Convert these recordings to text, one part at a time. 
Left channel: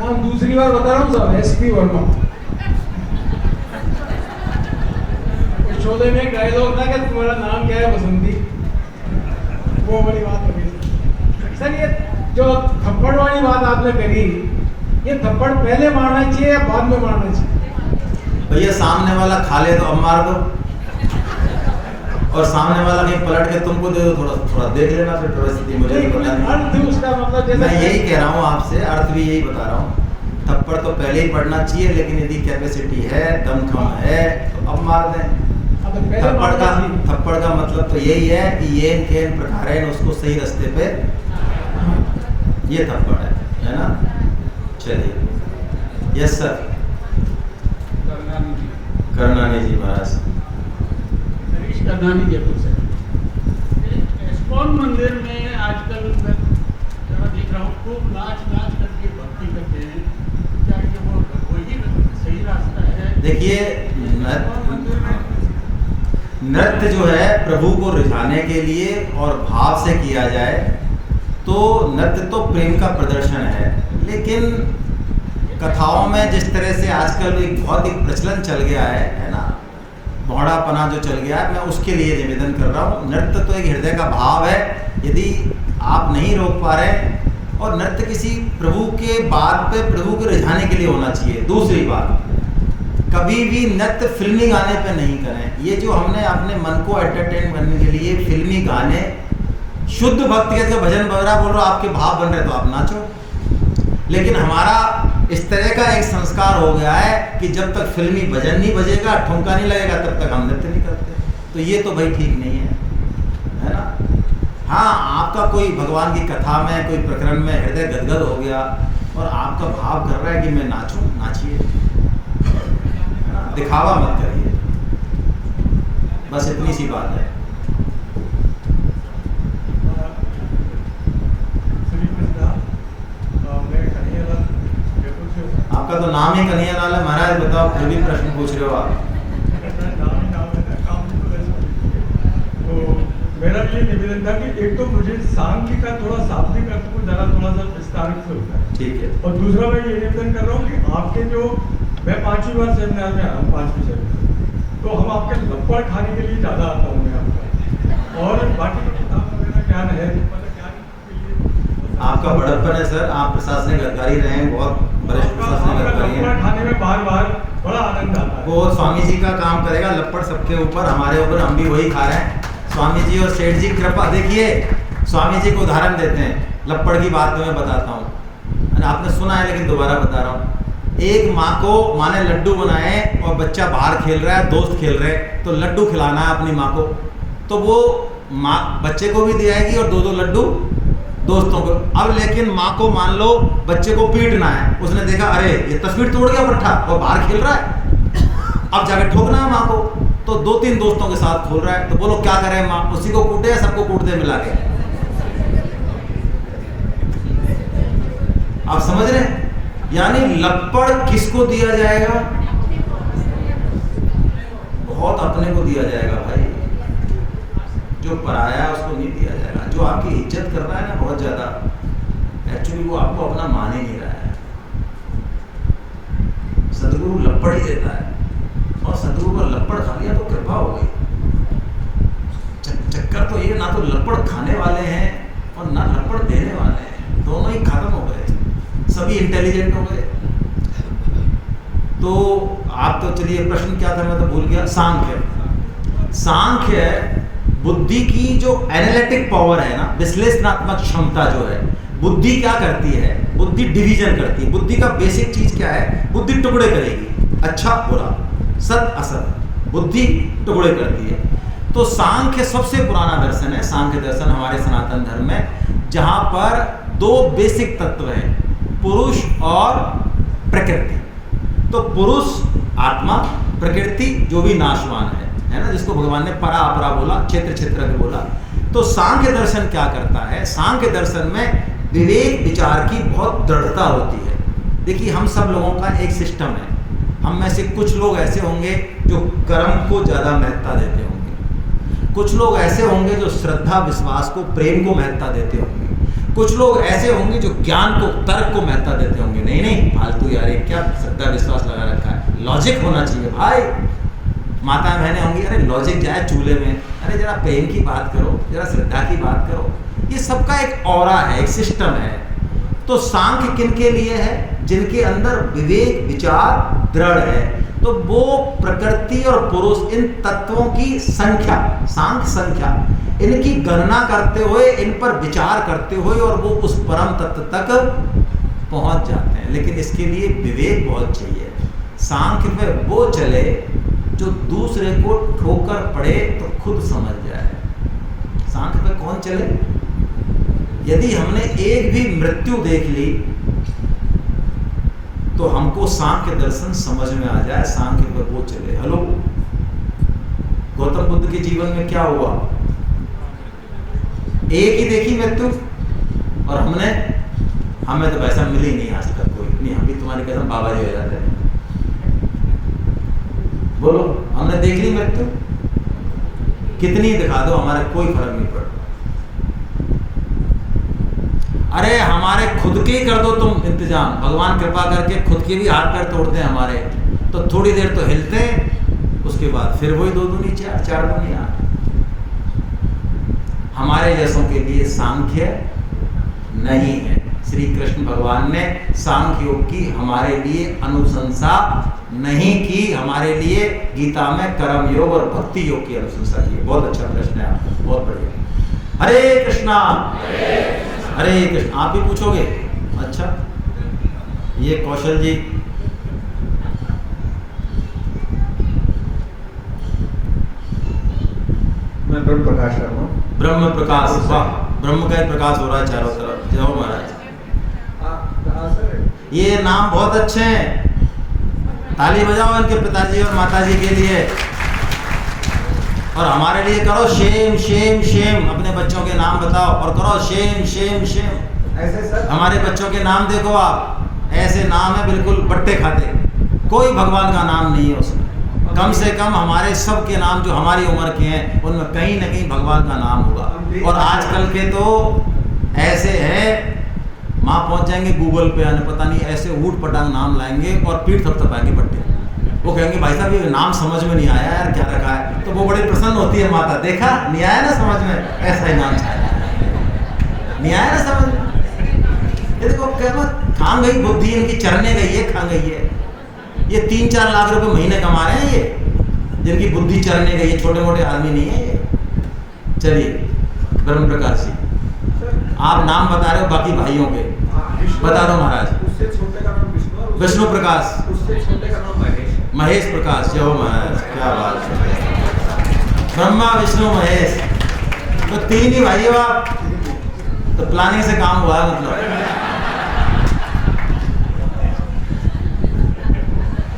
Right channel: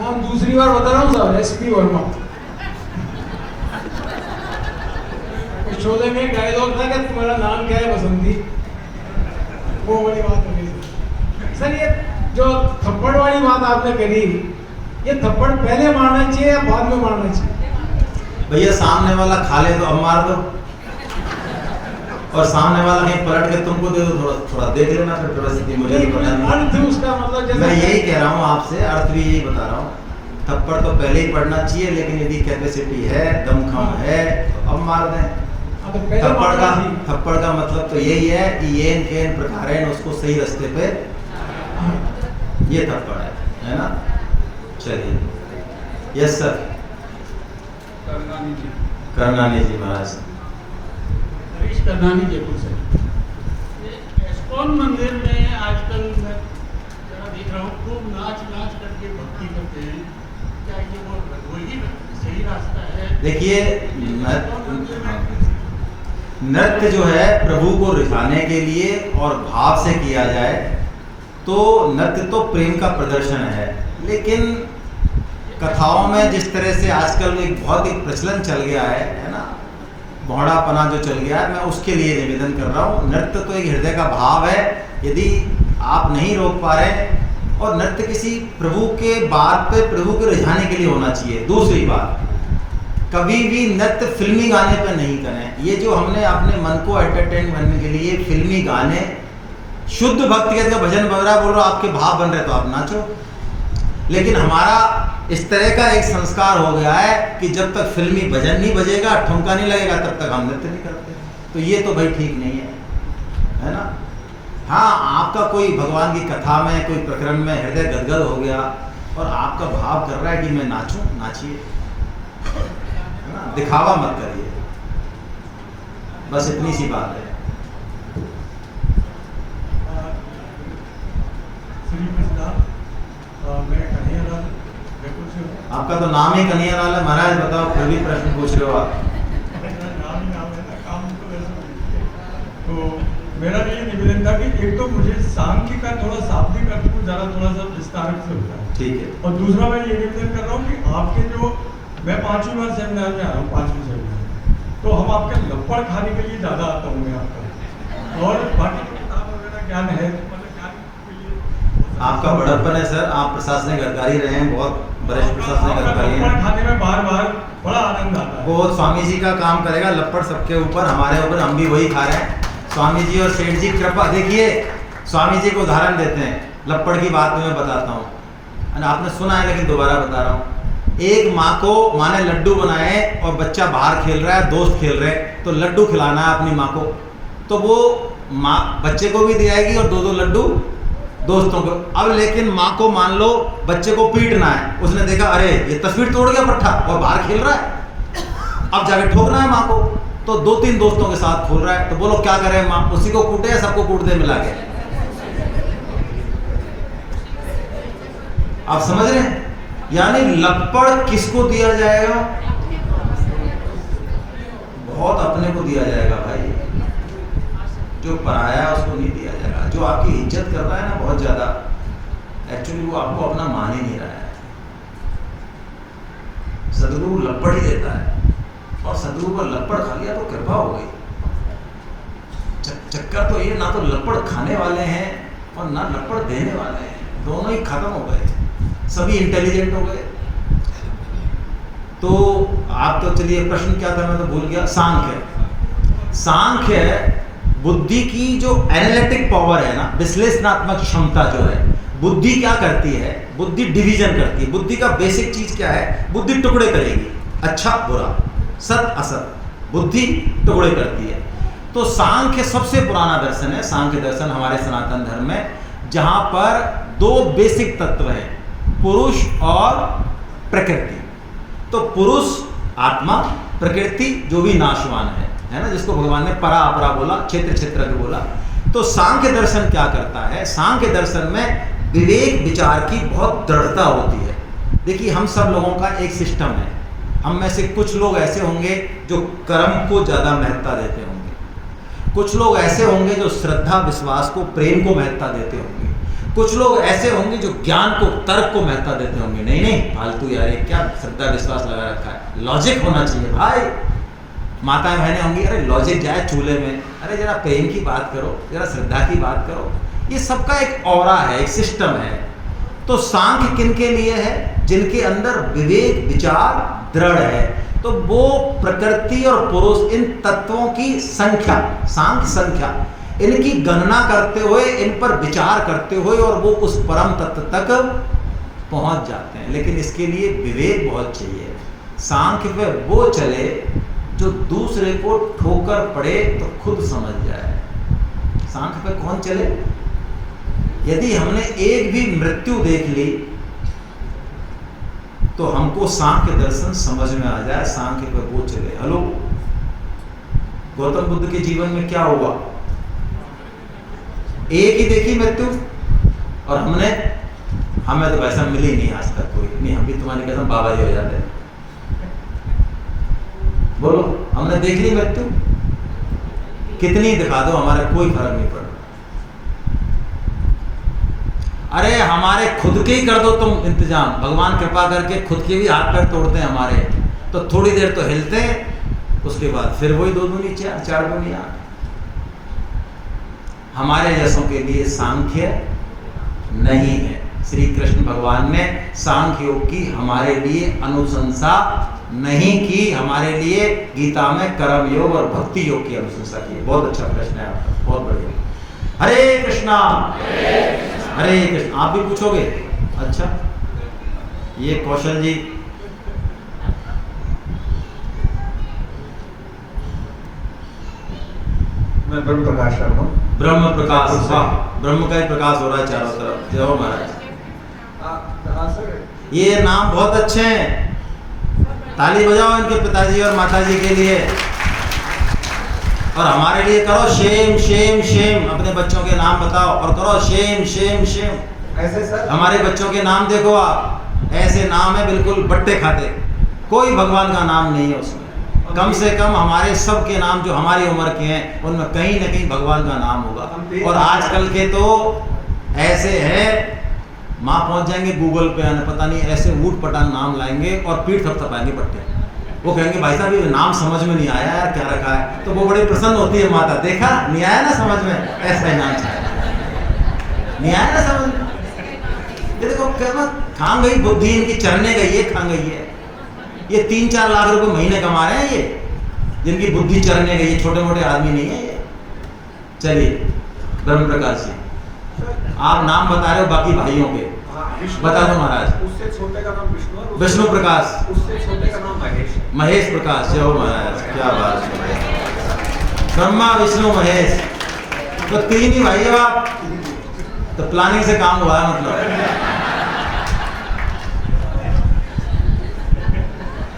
नाम दूसरी बार बता रहा हूँ साहब, एसपी वर्मा। शोले में एक डायलॉग था कि तुम्हारा नाम क्या है बसंती, वो बड़ी बात हो गई। सर ये जो थप्पड़ वाली बात आपने करी, ये थप्पड़ पहले मारना चाहिए या बाद में मारना चाहिए? भैया सामने वाला खा ले तो अब मार दो, और सामने वाला कहीं पलट के तुमको दे दो, थोड़ा थोड़ा देख लेना फिर परिस्थिति मुझे भी पता नहीं। अर्थ उसका मतलब जैसे मैं यही कह रहा हूँ आपसे, अर्थ भी यही बता रहा हूँ। थप्पड़ तो पहले ही पड़ना चाहिए, लेकिन यदि कैपेसिटी है, दमखम है तो अब मार दें। थप्पड़ का मतलब तो यही है कि येन केन प्रकारेण उसको सही रास्ते पे, ये थप्पड़ है ना। चलिए, यस सर। करनानी जी महाराज। हरीश करनानी जयपुर से। इस्कॉन मंदिर में आजकल मैं देख रहा हूँ खूब नाच करके भक्ति करते हैं, क्या ये वो वही सही रास्ता है? देखिए, नृत्य जो है प्रभु को रिझाने के लिए और भाव से किया जाए तो नृत्य तो प्रेम का प्रदर्शन है, लेकिन कथाओं में जिस तरह से आजकल एक बहुत ही प्रचलन चल गया है ना, भौड़ापना जो चल गया है, मैं उसके लिए निवेदन कर रहा हूँ। नृत्य तो एक हृदय का भाव है, यदि आप नहीं रोक पा रहे, और नृत्य किसी प्रभु के बात पे प्रभु को रिझाने के लिए होना चाहिए। दूसरी बात, कभी भी नृत्य फिल्मी गाने पे नहीं करें। ये जो हमने अपने मन को एंटरटेन करने के लिए फिल्मी गाने, शुद्ध भक्ति का भजन बज रहा, बोल रहा आपके भाव बन रहे तो आप नाचो, लेकिन हमारा इस तरह का एक संस्कार हो गया है कि जब तक फिल्मी भजन नहीं बजेगा, ठुमका नहीं लगेगा, तब तक हम नृत्य नहीं करते। तो ये तो भाई ठीक नहीं है ना। हाँ, आपका कोई भगवान की कथा में, कोई प्रकरण में हृदय गदगद हो गया और आपका भाव कर रहा है कि मैं नाचूं, नाचिए, दिखावा मत करिए, बस इतनी सी बात है। आपका तो नाम ही कन्हैयालाल है महाराज, बताओ फिर भी प्रश्न पूछ रहे हो आप। तो मेरा ये निवेदन था कि एक तो मुझे सांख्य का थोड़ा शाब्दिक अर्थ को थोड़ा सा विस्तार से होता है, ठीक है, और दूसरा मैं ये निवेदन कर रहा हूँ कि आपके जो, मैं 5वीं बार सेमिनार में आ रहा हूँ, 5वीं सेमिनार, तो हम आपके लपड़ खाने के लिए ज़्यादा आता हूँ यहाँ पर, और बाकी किताब वगैरह ज्ञान है तो मतलब ज्ञान के लिए आपका बड़प्पन है सर, आप प्रशासनिक अधिकारी रहे हैं, बहुत वरिष्ठ प्रशासनिक अधिकारी हैं। लपड़ खाने में बार बार बड़ा आनंद आता है। वो स्वामी जी का काम करेगा, लपड़ सबके ऊपर, हमारे ऊपर, हम भी वही खा रहे हैं। स्वामी जी और सेठ जी कृपा, देखिए स्वामी जी को उदाहरण देते हैं, लपड़ की बात मैं बताता हूँ, आपने सुना है लेकिन दोबारा बता रहा हूँ। एक माँ ने लड्डू बनाए और बच्चा बाहर खेल रहा है, दोस्त खेल रहे हैं, तो लड्डू खिलाना है अपनी माँ को, तो वो माँ बच्चे को भी दे आएगी और 2-2 लड्डू दोस्तों को। अब लेकिन माँ को मान लो बच्चे को पीटना है, उसने देखा अरे ये तस्वीर तोड़ गया पट्टा और बाहर खेल रहा है, अब जाके ठोकना है माँ को, तो 2-3 दोस्तों के साथ खोल रहा है, तो बोलो क्या करें, माँ उसी को कूटे या सबको कूट दे मिला के? आप समझ रहे हैं? यानी लपड़ किसको दिया जाएगा? बहुत अपने को दिया जाएगा भाई, जो पराया उसको नहीं दिया जाएगा। जो आपकी इज्जत कर रहा है ना बहुत ज्यादा, एक्चुअली वो आपको अपना मान ही नहीं रहा है। सदगुरु लपड़ ही देता है, और सदगुरु पर लपड़ खा लिया तो कृपा हो गई। चक्कर तो ये, ना तो लपड़ खाने वाले हैं और ना लपड़ देने वाले हैं, दोनों ही खत्म हो गए, सभी इंटेलिजेंट हो गए। तो आप तो चलिए, प्रश्न क्या था मैं तो भूल गया। सांख्य बुद्धि की जो एनालिटिक पावर है ना, विश्लेषणात्मक क्षमता जो है, बुद्धि क्या करती है? बुद्धि डिवीजन करती है। बुद्धि का बेसिक चीज क्या है? बुद्धि टुकड़े करेगी, अच्छा बुरा, सत असत, बुद्धि टुकड़े करती है। तो सांख्य सबसे पुराना दर्शन है, सांख्य दर्शन हमारे सनातन धर्म में, जहां पर 2 बेसिक तत्व हैं, पुरुष और प्रकृति। तो पुरुष आत्मा, प्रकृति जो भी नाशवान है ना, जिसको भगवान ने परा अपरा बोला, क्षेत्र क्षेत्र के बोला। तो सांख्य दर्शन क्या करता है? सांख्य दर्शन में विवेक विचार की बहुत दृढ़ता होती है। देखिए, हम सब लोगों का एक सिस्टम है, हम में से कुछ लोग ऐसे होंगे जो कर्म को ज़्यादा महत्ता देते होंगे, कुछ लोग ऐसे होंगे जो श्रद्धा विश्वास को, प्रेम को महत्ता देते होंगे, कुछ लोग ऐसे होंगे जो ज्ञान को, तर्क को महत्ता देते होंगे, नहीं नहीं फालतू यार, ये क्या श्रद्धा विश्वास लगा रखा है, लॉजिक होना चाहिए भाई। माताएं बहनें होंगी, अरे लॉजिक जाए चूल्हे में, अरे जरा प्रेम की बात करो, जरा श्रद्धा की बात करो। ये सबका एक ऑरा है, एक सिस्टम है। तो सांख्य किन के लिए है? जिनके अंदर विवेक विचार दृढ़ है। तो वो प्रकृति और पुरुष, इन तत्वों की संख्या, सांख्य संख्या, इनकी गणना करते हुए, इन पर विचार करते हुए, और वो उस परम तत्व तक पहुंच जाते हैं। लेकिन इसके लिए विवेक बहुत चाहिए। सांख्य पे वो चले जो दूसरे को ठोकर पड़े तो खुद समझ जाए। सांख्य पे कौन चले? यदि हमने एक भी मृत्यु देख ली तो हमको सांख्य दर्शन समझ में आ जाए, सांख्य पे वो चले। हेलो, गौतम बुद्ध के जीवन में क्या हुआ? एक ही देखी मृत्यु, और हमें तो वैसा मिली नहीं आज तक कोई। नहीं, हम भी तुम्हारी कसम बाबा जी हो जाते हैं। बोलो, हमने देख ली मृत्यु? कितनी दिखा दो, हमारा कोई फर्क नहीं पड़ता। अरे हमारे खुद के ही कर दो तुम इंतजाम, भगवान कृपा करके खुद के भी हाथ पैर तोड़ते हैं हमारे, तो थोड़ी देर तो हिलते हैं, उसके बाद फिर वही 2 दूनी 4 दूनी 8। हमारे जैसों के लिए सांख्य नहीं है। श्री कृष्ण भगवान ने सांख्य योग की हमारे लिए अनुशंसा नहीं की। हमारे लिए गीता में कर्म योग और भक्ति योग की अनुशंसा की। बहुत अच्छा प्रश्न है, बहुत बढ़िया। हरे कृष्णा हरे कृष्ण। आप भी पूछोगे? अच्छा, ये कौशल जी। मैं ब्रह्म प्रकाश कर रहा हूँ। ब्रह्म प्रकाश, वाह, ब्रह्म का ही प्रकाश हो रहा है चारों तरफ। जय हो महाराज। ये नाम बहुत अच्छे हैं, ताली बजाओ इनके पिताजी और माताजी के लिए, और हमारे लिए करो शेम शेम शेम। अपने बच्चों के नाम बताओ और करो शेम शेम शेम। ऐसे सर हमारे बच्चों के नाम देखो आप, ऐसे नाम है बिल्कुल बट्टे खाते, कोई भगवान का नाम नहीं है उसमें। कम से कम हमारे सब के नाम जो हमारी उम्र के हैं उनमें कहीं ना कहीं भगवान का नाम होगा। और आजकल के तो ऐसे है, माँ पहुँच जाएंगे गूगल पे आने, पता नहीं ऐसे ऊट पटांग नाम लाएंगे और पीठ थपथपाएंगे पट्टे। वो कहेंगे भाई साहब ये नाम समझ में नहीं आया यार, क्या रखा है? तो वो बड़ी प्रसन्न होती है माता, देखा नहीं आया ना समझ में, ऐसा ही नाम था, नहीं आया ना समझ में। ये देखो क्या खान गई बुद्धि, इनकी चरने गई है, खान गई है। ये 3-4 लाख रुपए महीने कमा रहे हैं ये, जिनकी बुद्धि चरने गई है, छोटे मोटे आदमी नहीं है ये। चलिए ब्रह्म प्रकाश जी, आप नाम बता रहे हो बाकी भाइयों के, बता दो महाराज। उससे छोटे का नाम विष्णु, विष्णु प्रकाश, उससे छोटे का नाम महेश। महेश प्रकाश। जय हो महाराज, क्या बात है। ब्रह्मा विष्णु महेश, तो 3 ही भाई हो आप, तो प्लानिंग से काम हुआ है मतलब।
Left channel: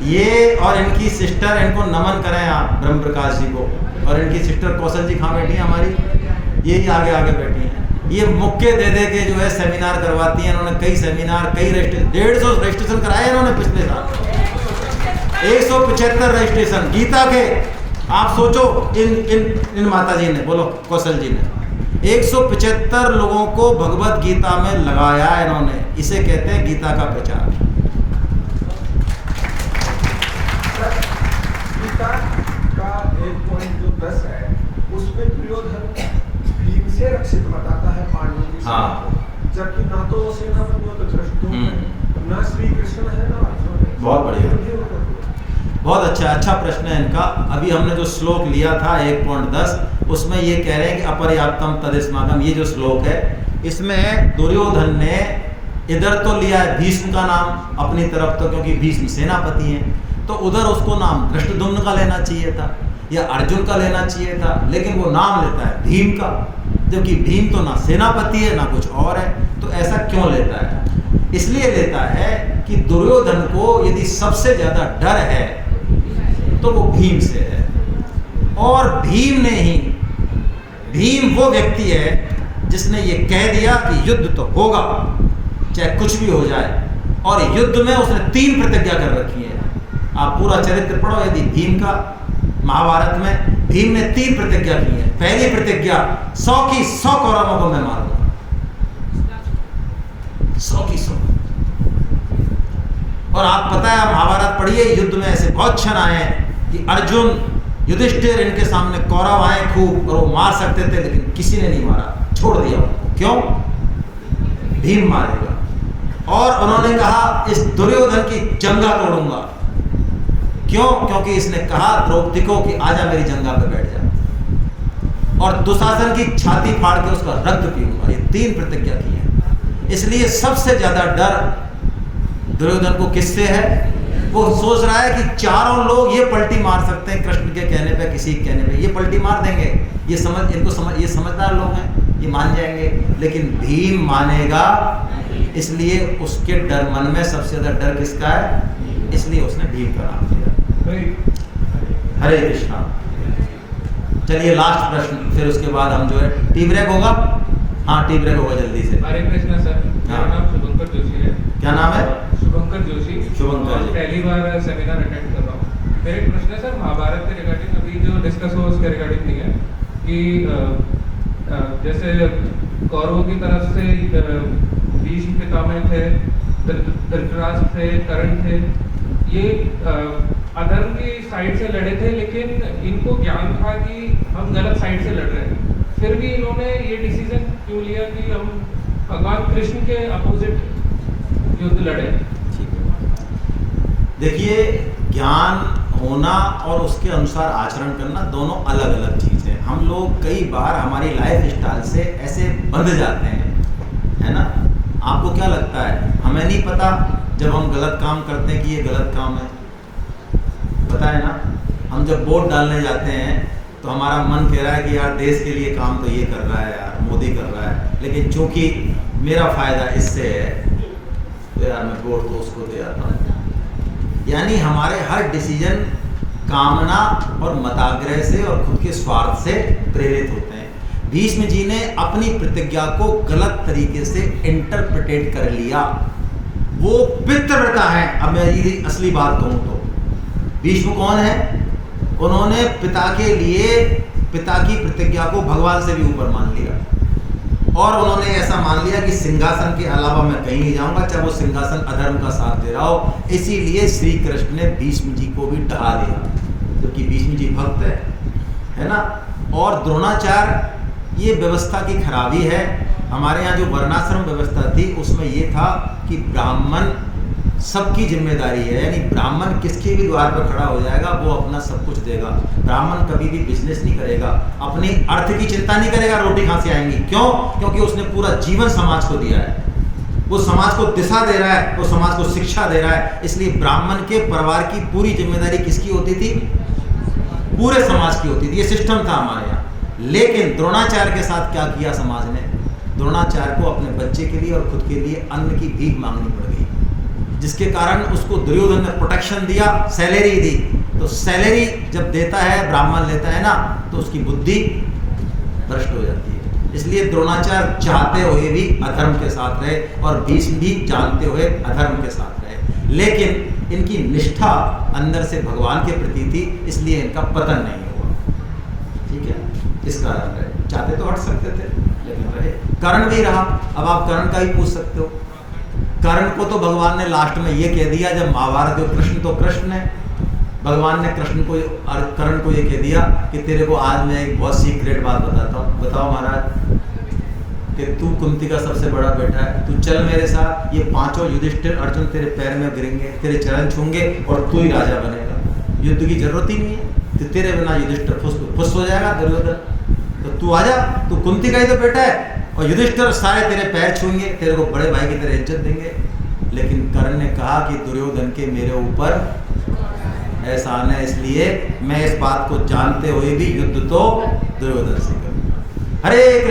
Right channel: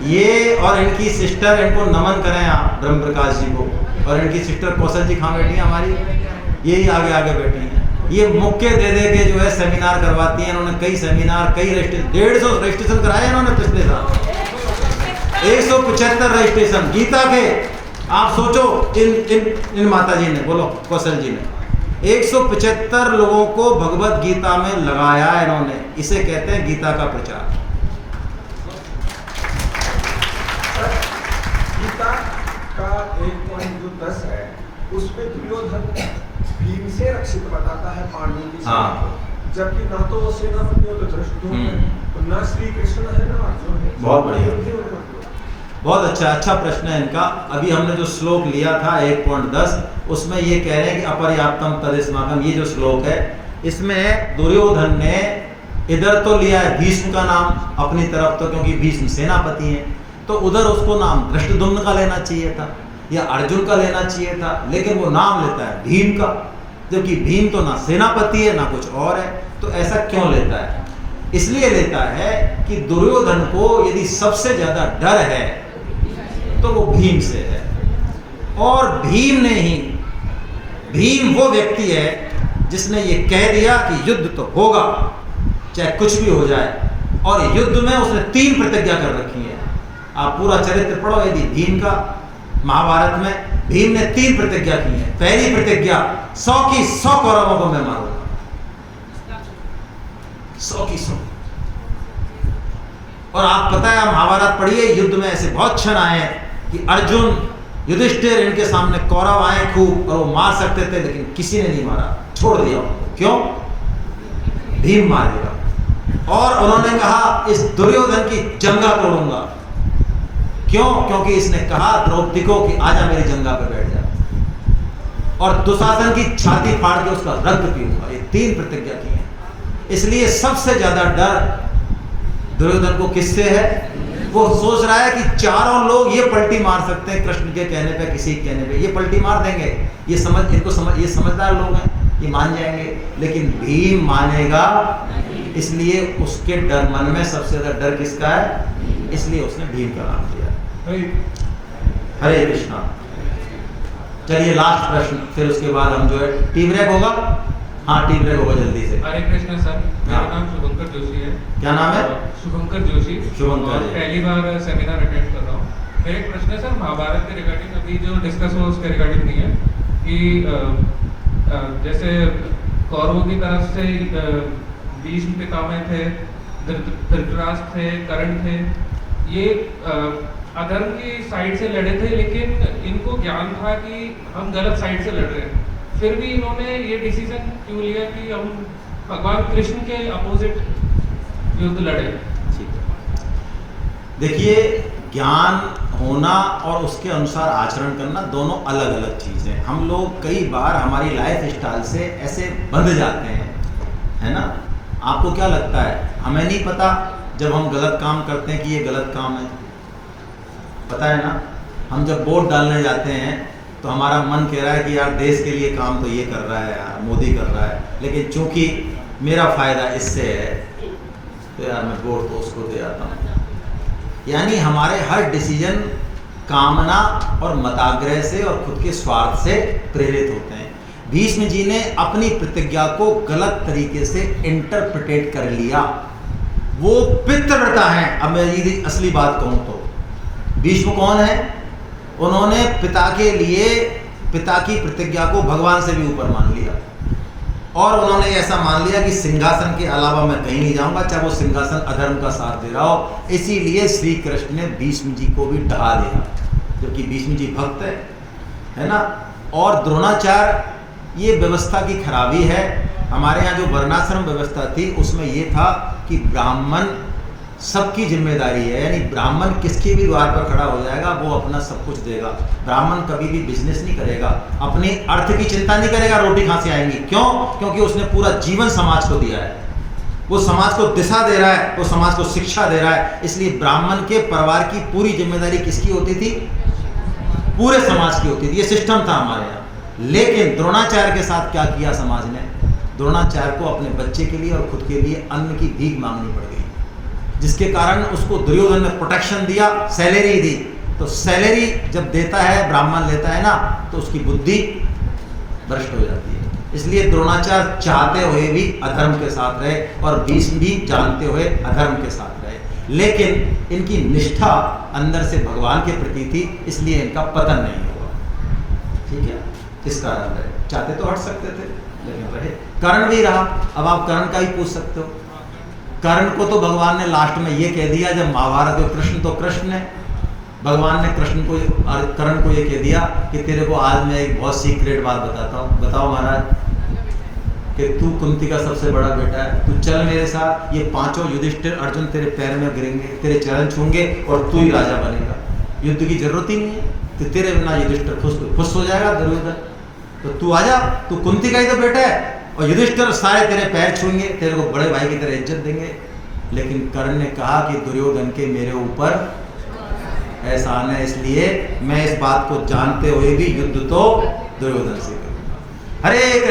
ये और इनकी सिस्टर, इनको नमन करें आप ब्रह्म प्रकाश जी को, और इनकी सिस्टर कौशल जी कहाँ बैठी है हमारी, यही आगे आगे बैठी हैं। ये मुक्के दे दे के जो है सेमिनार करवाती हैं। इन्होंने कई सेमिनार, कई 150 रजिस्ट्रेशन कराए इन्होंने पिछले साल, 175 रजिस्ट्रेशन गीता के। आप सोचो, इन माता जी ने, बोलो कौशल जी ने 175 लोगों को भगवत गीता में लगाया इन्होंने। इसे कहते हैं गीता का प्रचार। गीता का 1.10 है, उसमें दुर्योधन भीम से रक्षित बताता है पांडवों की सेना को, जबकि ना तो वो सेनापति हो तो धृष्टद्युम्न, ना श्री कृष्ण है ना अर्जुन। बहुत बढ़िया, बहुत अच्छा प्रश्न है इनका। अभी हमने जो श्लोक लिया था 1.10, उसमें ये कह रहे हैं कि अपर्याप्तम तदेस्माकम। ये जो श्लोक है इसमें दुर्योधन ने इधर तो लिया है भीष्म का नाम अपनी तरफ, तो क्योंकि भीष्म सेनापति हैं, तो उधर उसको नाम धृष्टद्युम्न का लेना चाहिए था या अर्जुन का लेना चाहिए था, लेकिन वो नाम लेता है भीम का, जबकि भीम तो ना सेनापति है ना कुछ और है। तो ऐसा क्यों लेता है? इसलिए लेता है कि दुर्योधन को यदि सबसे ज्यादा डर है तो वो भीम से है, और भीम वो व्यक्ति है जिसने ये कह दिया कि युद्ध तो होगा चाहे कुछ भी हो जाए, और युद्ध में उसने 3 प्रतिज्ञा कर रखी है। आप पूरा चरित्र पढ़ो यदि भीम का, महाभारत में भीम ने 3 प्रतिज्ञा की है। पहली प्रतिज्ञा 100 की 100 कौरवों को मैं मारूंगा, 100 की 100। और आप पता है महाभारत पढ़िए, युद्ध में ऐसे बहुत क्षण आए हैं कि अर्जुन, युधिष्ठिर, इनके सामने कौरव आए खूब और वो मार सकते थे, लेकिन किसी ने नहीं मारा, छोड़ दिया। क्यों? भीम मारेगा। और उन्होंने कहा इस दुर्योधन की जंगा तोड़ूंगा। क्यों? क्योंकि इसने कहा द्रौपदी को कि आजा मेरी जंगा पे बैठ जा, और दुशासन की छाती फाड़ के उसका रक्त पीऊंगा। ये 3 प्रतिज्ञा की है। इसलिए सबसे ज्यादा डर दुर्योधन को किससे है? वो सोच रहा है कि चारों लोग ये पलटी मार सकते हैं कृष्ण के कहने पे, किसी के कहने पे ये पलटी मार देंगे, ये समझदार लोग हैं, ये मान जाएंगे। लेकिन भीम मानेगा, इसलिए उसके डर, मन में सबसे ज्यादा डर किसका है? इसलिए उसने भीम का नाम दिया। हरे कृष्णा। चलिए लास्ट प्रश्न, फिर उसके बाद हम जो है टी ब्रेक होगा। हाँ, टी ब्रेक होगा जल्दी से। हरे कृष्णा सर, मेरा नाम शुभंकर जोशी है। क्या नाम है? शुभंकर जोशी। शुभंकर जी। पहली बार सेमिनार अटेंड कर रहा हूँ। मेरा एक प्रश्न है सर, महाभारत के रिगार्डिंग अभी जो डिस्कस हो उसके रिगार्डिंग नहीं है कि जैसे कौरवों की तरफ से भीष्म पितामह थे, धृतराष्ट्र थे, कर्ण थे, ये अधर्म की साइड से लड़े थे, लेकिन इनको ज्ञान था कि हम गलत साइड से लड़ रहे हैं। फिर भी इन्होंने ये डिसीजन क्यों लिया कि हम भगवान कृष्ण के अपोजिट युद्ध लड़े? देखिए, ज्ञान होना और उसके अनुसार आचरण करना दोनों अलग अलग चीज़ है। हम लोग कई बार हमारी लाइफ स्टाइल से ऐसे बंध जाते हैं, है ना। आपको क्या लगता है, हमें नहीं पता जब हम गलत काम करते हैं कि ये गलत काम है? पता है ना। हम जब वोट डालने जाते हैं तो हमारा मन कह रहा है कि यार देश के लिए काम तो ये कर रहा है यार, मोदी कर रहा है, लेकिन चूंकि मेरा फ़ायदा इससे है तो यार मैं वोट तो उसको दे आता हूँ। यानी हमारे हर डिसीजन कामना और मताग्रह से और खुद के स्वार्थ से प्रेरित होते हैं। भीष्म जी ने अपनी प्रतिज्ञा को गलत तरीके से इंटरप्रिटेट कर लिया। वो पितृव्रता है। अब मैं यदि असली बात कहूँ तो भीष्म कौन है? उन्होंने पिता के लिए, पिता की प्रतिज्ञा को भगवान से भी ऊपर मान लिया, और उन्होंने ऐसा मान लिया कि सिंहासन के अलावा मैं कहीं नहीं जाऊंगा, चाहे वो सिंहासन अधर्म का साथ दे रहा हो। इसीलिए श्री कृष्ण ने भीष्म जी को भी ढहा दिया, जबकि भीष्म जी भक्त है ना। और द्रोणाचार्य, ये व्यवस्था की खराबी है। हमारे यहाँ जो वर्णाश्रम व्यवस्था थी उसमें ये था कि ब्राह्मण सबकी जिम्मेदारी है, यानी ब्राह्मण किसके भी द्वार पर खड़ा हो जाएगा, वो अपना सब कुछ देगा। ब्राह्मण कभी भी बिजनेस नहीं करेगा, अपने अर्थ की चिंता नहीं करेगा, रोटी कहाँ से आएंगी। क्यों? क्योंकि उसने पूरा जीवन समाज को दिया है, वो समाज को दिशा दे रहा है, वो समाज को शिक्षा दे रहा है। इसलिए ब्राह्मण के परिवार की पूरी जिम्मेदारी किसकी होती थी? पूरे समाज की होती थी। ये सिस्टम था हमारे यहाँ। लेकिन द्रोणाचार्य के साथ क्या किया समाज ने? द्रोणाचार्य को अपने बच्चे के लिए और खुद के लिए अन्न की भीख मांगनी पड़ गई, जिसके कारण उसको दुर्योधन ने प्रोटेक्शन दिया, सैलरी दी। तो सैलरी जब देता है, ब्राह्मण लेता है ना, तो उसकी बुद्धि भ्रष्ट हो जाती है। इसलिए द्रोणाचार्य चाहते हुए भी अधर्म के साथ रहे और भीष्म भी जानते हुए अधर्म के साथ रहे, लेकिन इनकी निष्ठा अंदर से भगवान के प्रति थी, इसलिए इनका पतन नहीं हुआ। ठीक है, इस कारण रहे। चाहते तो हट सकते थे, लेकिन रहे। कर्ण भी रहा। अब आप कर्ण का ही पूछ सकते हो। कर्ण को तो भगवान ने लास्ट में ये कह दिया, जब महाभारत में कृष्ण तो कृष्ण ने, भगवान ने कृष्ण को, कर्ण को ये कह दिया कि तेरे को आज मैं एक बहुत सीक्रेट बात बताता हूँ। बताओ महाराज। कि तू कुंती का सबसे बड़ा बेटा है, तू चल मेरे साथ, ये पांचों युधिष्ठिर, अर्जुन तेरे पैर में गिरेंगे, तेरे चरण छूंगे और तू ही राजा बनेगा। युद्ध की जरूरत ही नहीं है, तो तेरे बिना युधिष्ठिर फुस हो जाएगा दुर्योधन। तो तू आजा, तू कुंती का ही तो बेटा है, और युधिष्ठिर सारे तेरे पैर छूएंगे, तेरे को बड़े भाई की तरह इज्जत देंगे। लेकिन कर्ण ने कहा कि दुर्योधन के मेरे ऊपर एहसान है, इसलिए मैं इस बात को जानते हुए भी युद्ध तो दुर्योधन से करूंगा। हरे कृष्ण।